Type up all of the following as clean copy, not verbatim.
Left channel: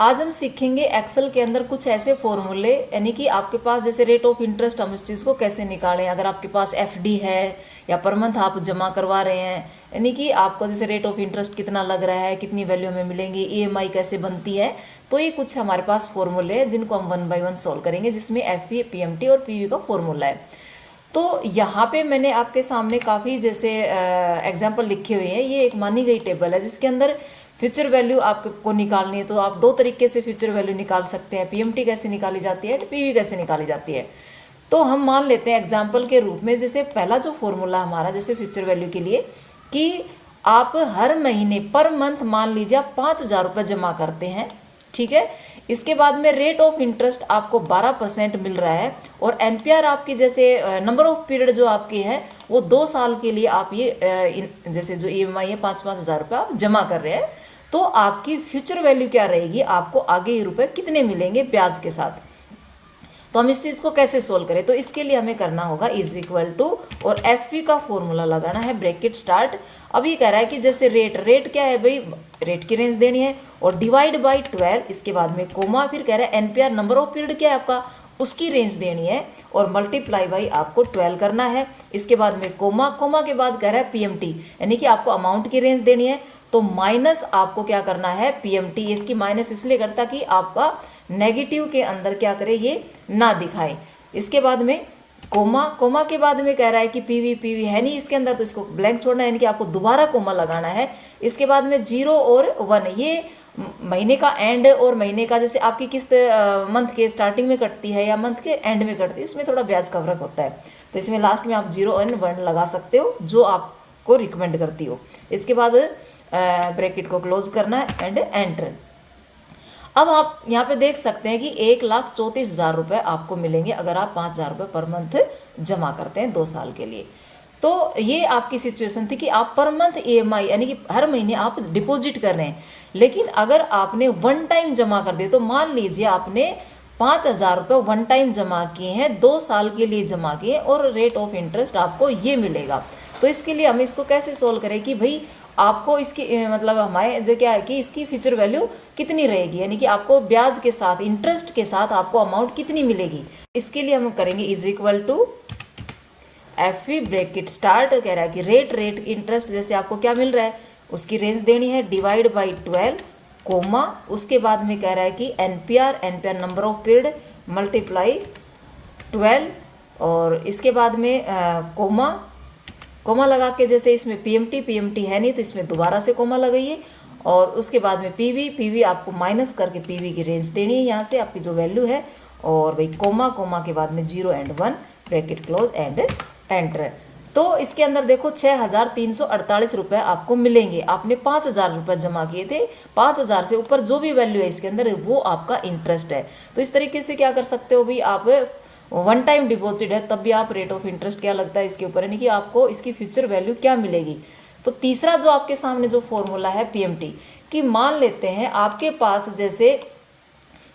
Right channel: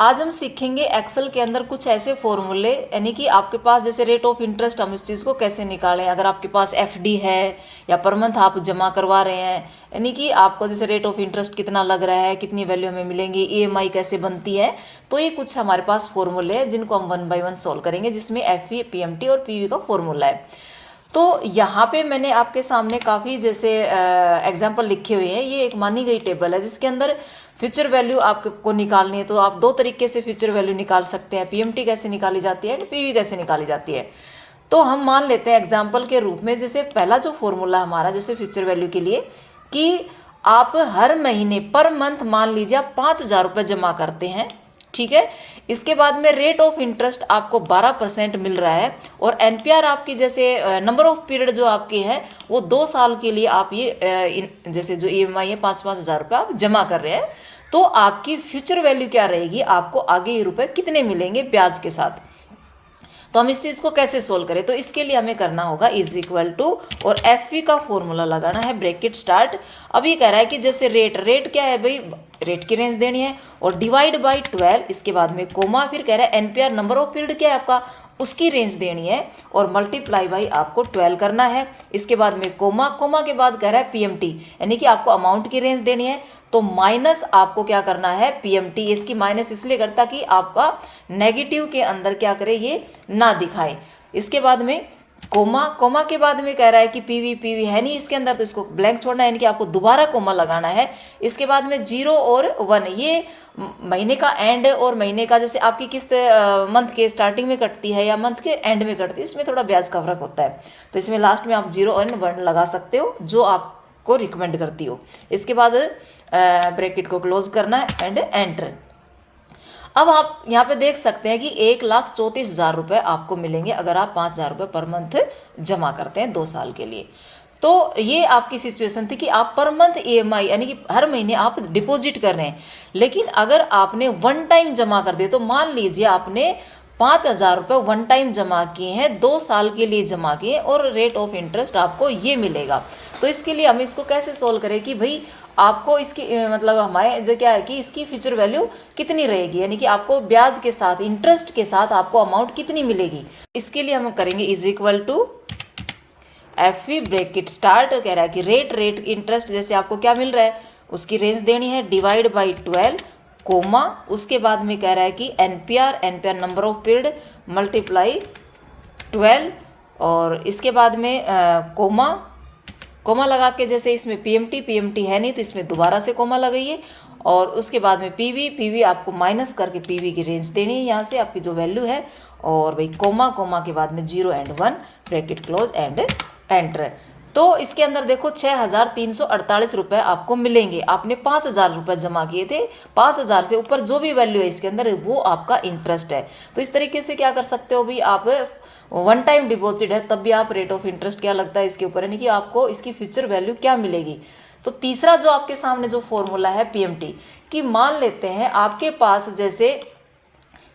आज हम सीखेंगे एक्सेल के अंदर कुछ ऐसे फॉर्मूले, यानी कि आपके पास जैसे रेट ऑफ इंटरेस्ट, हम इस चीज़ को कैसे निकालें। अगर आपके पास एफडी है या पर मंथ आप जमा करवा रहे हैं, यानी कि आपको जैसे रेट ऑफ इंटरेस्ट कितना लग रहा है, कितनी वैल्यू हमें मिलेंगी, ईएमआई कैसे बनती है। तो ये कुछ हमारे पास फॉर्मूले हैं जिनको हम 1 बाय 1 सॉल्व करेंगे, जिसमें एफई, पीएमटी और पीवी का फॉर्मूला है। तो यहाँ पे मैंने आपके सामने काफ़ी जैसे एग्जाम्पल लिखे हुए हैं। ये एक मानी गई टेबल है जिसके अंदर फ्यूचर वैल्यू आपको निकालनी है। तो आप दो तरीके से फ्यूचर वैल्यू निकाल सकते हैं, पीएमटी कैसे निकाली जाती है, पीवी कैसे निकाली जाती है। तो हम मान लेते हैं एग्जाम्पल के रूप में, जैसे पहला जो फॉर्मूला हमारा जैसे फ्यूचर वैल्यू के लिए, कि आप हर महीने पर मंथ मान लीजिए आप 5,000 रुपये जमा करते हैं, ठीक है। इसके बाद में रेट ऑफ इंटरेस्ट आपको 12% मिल रहा है, और एनपीआर आपकी जैसे नंबर ऑफ पीरियड जो आपके हैं वो 2 साल के लिए आप ये जैसे जो ईएमआई है 5-5 हज़ार रुपये आप जमा कर रहे हैं। तो आपकी फ्यूचर वैल्यू क्या रहेगी, आपको आगे ये रुपए कितने मिलेंगे ब्याज के साथ। तो हम इस चीज़ को कैसे सोल्व करें, तो इसके लिए हमें करना होगा इज इक्वल टू, और एफ वी का फॉर्मूला लगाना है, ब्रैकेट स्टार्ट। अब ये कह रहा है कि जैसे रेट क्या है भाई, रेट की रेंज देनी है, और डिवाइड बाई 12, इसके बाद में कोमा, फिर कह रहा है एनपीआर नंबर ऑफ पीरियड क्या है आपका, उसकी रेंज देनी है, और मल्टीप्लाई बाई आपको 12 करना है। इसके बाद में कोमा, कोमा के बाद कह रहा है पीएमटी, यानी कि आपको अमाउंट की रेंज देनी है। तो माइनस आपको क्या करना है, पीएमटी। इसकी माइनस इसलिए करता कि आपका नेगेटिव के अंदर क्या करे, ये ना दिखाए। इसके बाद में कोमा, कोमा के बाद में कह रहा है कि पीवी, पीवी है नहीं इसके अंदर, तो इसको ब्लैंक छोड़ना है, यानी कि आपको दोबारा कोमा लगाना है। इसके बाद में 0 और 1, ये महीने का एंड और महीने का जैसे आपकी किस्त मंथ के स्टार्टिंग में कटती है या मंथ के एंड में कटती है, इसमें थोड़ा ब्याज का फर्क होता है। तो इसमें लास्ट में आप 0 और 1 लगा सकते हो, जो आपको रिकमेंड करती हो। इसके बाद ब्रैकेट को क्लोज करना है एंड एंटर। अब आप यहाँ पे देख सकते हैं कि 1,34,000 रुपये आपको मिलेंगे अगर आप 5,000 रुपये पर मंथ जमा करते हैं 2 साल के लिए। तो ये आपकी सिचुएशन थी कि आप पर मंथ ईएमआई, यानी कि हर महीने आप डिपॉजिट कर रहे हैं। लेकिन अगर आपने वन टाइम जमा कर दिए, तो मान लीजिए आपने 5,000 रुपये वन टाइम जमा किए हैं, 2 साल के लिए जमा किए, और रेट ऑफ इंटरेस्ट आपको ये मिलेगा। तो इसके लिए हम इसको कैसे सोल्व करें कि भाई आपको इसकी मतलब हमारे जो क्या है कि इसकी फ्यूचर वैल्यू कितनी रहेगी, यानी कि आपको ब्याज के साथ, इंटरेस्ट के साथ आपको अमाउंट कितनी मिलेगी। इसके लिए हम करेंगे is equal to F V bracket start. कह रहा है कि रेट इंटरेस्ट जैसे आपको क्या मिल रहा है उसकी रेंज देनी है, डिवाइड बाई 12 कोमा, उसके बाद में कह रहा है कि NPR number of period multiply 12, और इसके बाद में कोमा, कोमा लगा के जैसे इसमें पीएमटी है नहीं तो इसमें दोबारा से कोमा लगाइए, और उसके बाद में पीवी आपको माइनस करके पीवी की रेंज देनी है यहाँ से आपकी जो वैल्यू है, और भाई कोमा के बाद में 0 और 1, ब्रैकेट क्लोज एंड एंटर। तो इसके अंदर देखो 6,348 रुपये आपको मिलेंगे। आपने 5,000 रुपये जमा किए थे, 5,000 से ऊपर जो भी वैल्यू है इसके अंदर वो आपका इंटरेस्ट है। तो इस तरीके से क्या कर सकते हो भाई, आप वन टाइम डिपॉजिट है तब भी आप रेट ऑफ इंटरेस्ट क्या लगता है इसके ऊपर, यानी कि आपको इसकी फ्यूचर वैल्यू क्या मिलेगी। तो तीसरा जो आपके सामने जो फॉर्मूला है पीएमटी, कि मान लेते हैं आपके पास जैसे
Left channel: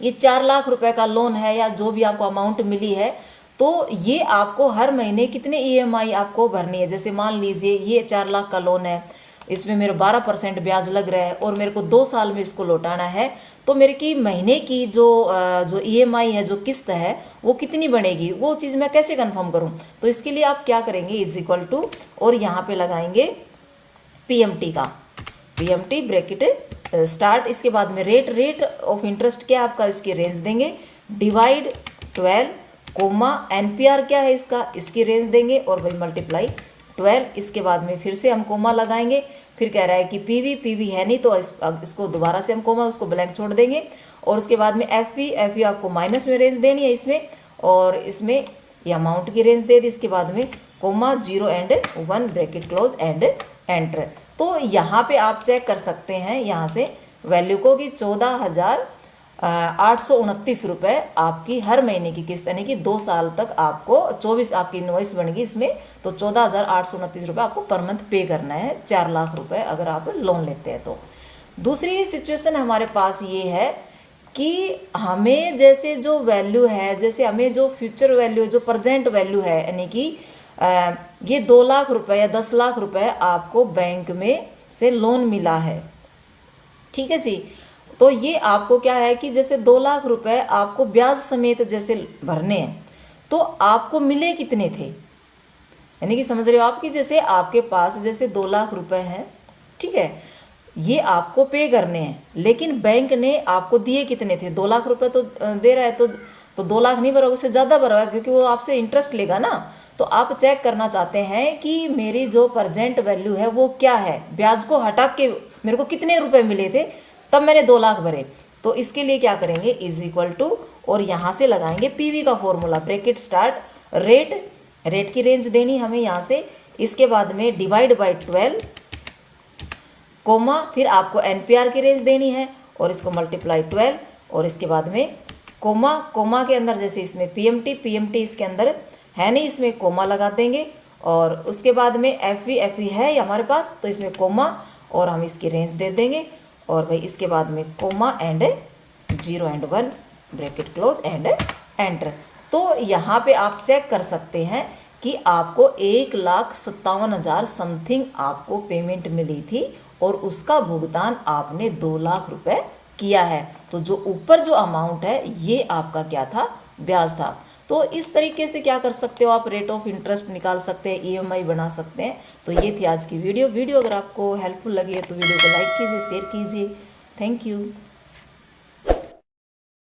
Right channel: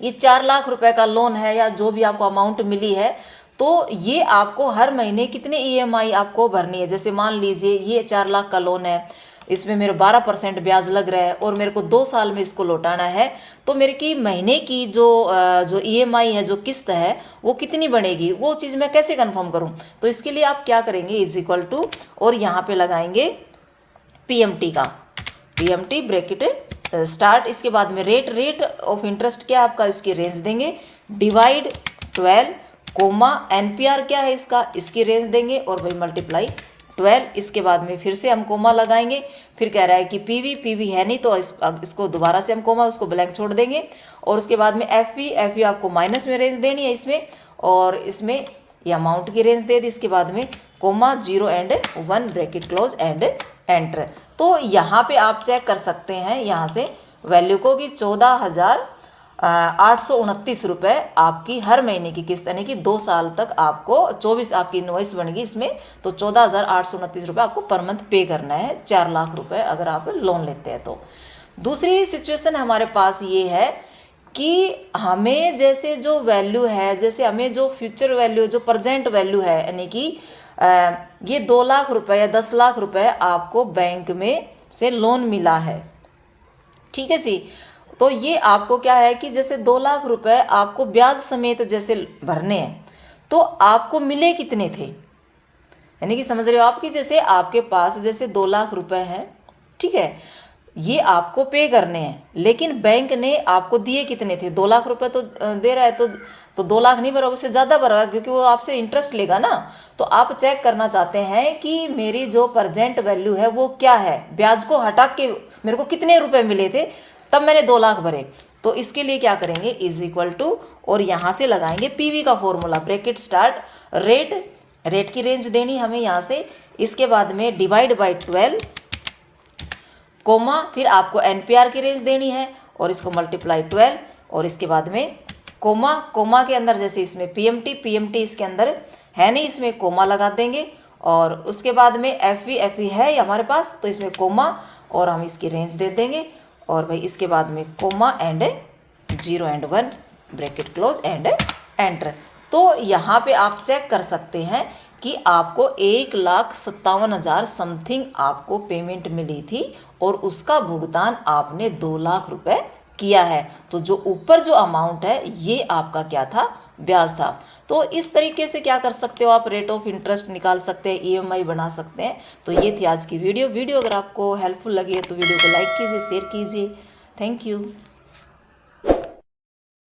ये 4 लाख रुपए का लोन है, या जो भी आपको अमाउंट मिली है, तो ये आपको हर महीने कितने ईएमआई आपको भरनी है। जैसे मान लीजिए ये 4 लाख का लोन है, इसमें मेरे 12% ब्याज लग रहा है, और मेरे को 2 साल में इसको लौटाना है। तो मेरे की महीने की जो ईएमआई है, जो किस्त है, वो कितनी बनेगी, वो चीज़ मैं कैसे कंफर्म करूं। तो इसके लिए आप क्या करेंगे, इज इक्वल टू, और यहाँ पे लगाएंगे पीएमटी का, पीएमटी ब्रैकेट स्टार्ट। इसके बाद में रेट ऑफ इंटरेस्ट क्या आपका, इसकी रेंज देंगे, डिवाइड 12 कोमा, एनपीआर क्या है इसका, इसकी रेंज देंगे, और भाई मल्टीप्लाई 12। इसके बाद में फिर से हम कोमा लगाएंगे, फिर कह रहा है कि पीवी है नहीं तो इसको दोबारा से हम कोमा, उसको ब्लैंक छोड़ देंगे, और उसके बाद में एफ आपको माइनस में रेंज देनी है इसमें, और इसमें ये अमाउंट की रेंज दे दी। इसके बाद में कोमा 0 और 1, ब्रैकेट क्लोज एंड एंटर। तो यहाँ पे आप चेक कर सकते हैं यहाँ से वैल्यू को कि 14,829 रुपये आपकी हर महीने की किस्त, यानी कि 2 साल तक आपको 24 आपकी इनवॉइस बनेगी इसमें। तो 14,829 रुपये आपको पर मंथ पे करना है, 4 लाख रुपए अगर आप लोन लेते हैं तो। दूसरी सिचुएशन हमारे पास ये है कि हमें जैसे जो वैल्यू है, जैसे हमें जो फ्यूचर वैल्यू, जो प्रेजेंट वैल्यू है, यानी कि ये 2 लाख रुपए या 10 लाख रुपए आपको बैंक में से लोन मिला है, ठीक है जी। तो ये आपको क्या है कि जैसे 2 लाख रुपए आपको ब्याज समेत जैसे भरने हैं, तो आपको मिले कितने थे, यानी कि समझ रहे हो आप कि जैसे आपके पास जैसे 2 लाख रुपए हैं, ठीक है, ये आपको पे करने हैं, लेकिन बैंक ने आपको दिए कितने थे, 2 लाख रुपए तो दे रहा है, तो 2 लाख नहीं भरोगे, उससे ज़्यादा भरोगे, क्योंकि वो आपसे इंटरेस्ट लेगा ना। तो आप चेक करना चाहते हैं कि मेरी जो प्रजेंट वैल्यू है वो क्या है, ब्याज को हटा के मेरे को कितने रुपए मिले थे, तब मैंने 2 लाख भरे। तो इसके लिए क्या करेंगे, इज इक्वल टू, और यहाँ से लगाएंगे पीवी का फॉर्मूला, ब्रैकेट स्टार्ट, रेट की रेंज देनी हमें यहाँ से, इसके बाद में डिवाइड बाई 12, कोमा, फिर आपको एनपीआर की रेंज देनी है और इसको मल्टीप्लाई 12, और इसके बाद में कोमा, कोमा के अंदर जैसे इसमें पीएमटी इसके अंदर है नहीं, इसमें कोमा लगा देंगे, और उसके बाद में एफवी है हमारे पास, तो इसमें कोमा और हम इसकी रेंज दे देंगे, और भाई इसके बाद में comma and 0 and 1 bracket close and enter. तो यहाँ पे आप चेक कर सकते हैं कि आपको 1,57,000 समथिंग आपको पेमेंट मिली थी, और उसका भुगतान आपने 2 लाख रुपए किया है। तो जो ऊपर जो अमाउंट है ये आपका क्या था, ब्याज था। तो इस तरीके से क्या कर सकते हो आप, रेट ऑफ इंटरेस्ट निकाल सकते हैं, ईएमआई बना सकते हैं। तो ये थी आज की वीडियो अगर आपको हेल्पफुल लगी है तो वीडियो को लाइक कीजिए, शेयर कीजिए। Thank you.